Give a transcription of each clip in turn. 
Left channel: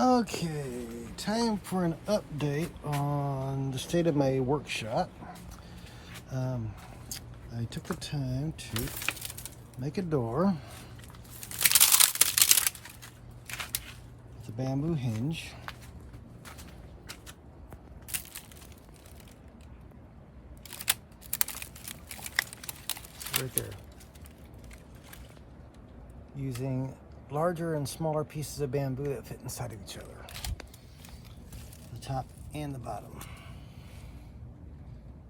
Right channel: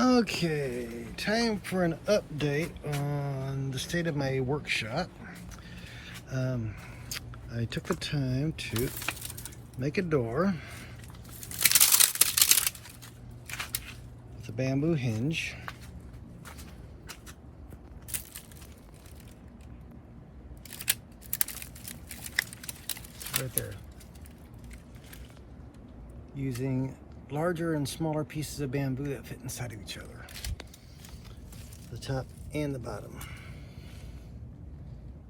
Okay, time for an update on the state of my workshop. I took the time to make a door with a bamboo hinge. Right there. Using larger and smaller pieces of bamboo that fit inside of each other. The top and the bottom.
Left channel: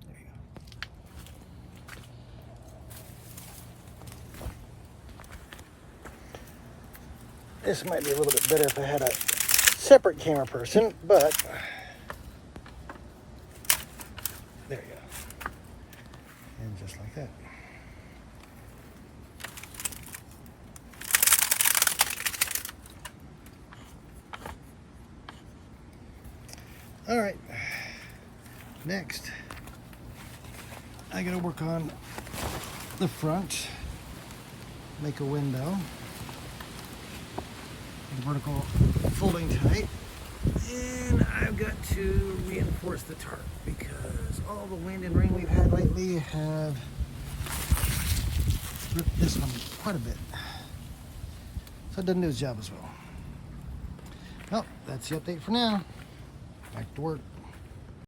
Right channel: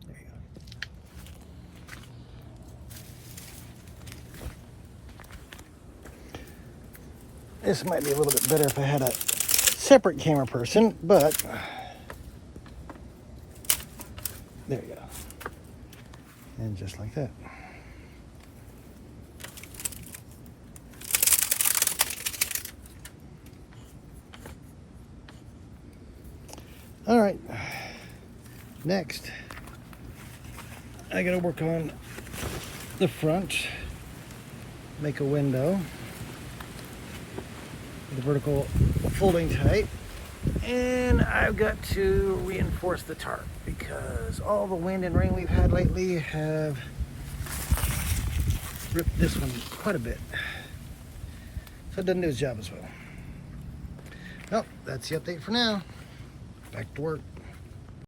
There you go. This might be a little bit better if I had a separate camera person, but there you go. And just like that. All right, next, I gotta work on the front, make a window with a vertical folding tight, and I've got to reinforce the tarp because all the wind and rain we've had lately have ripped this one quite a bit. So it doesn't do its job as well. Well, that's the update for now. Back to work.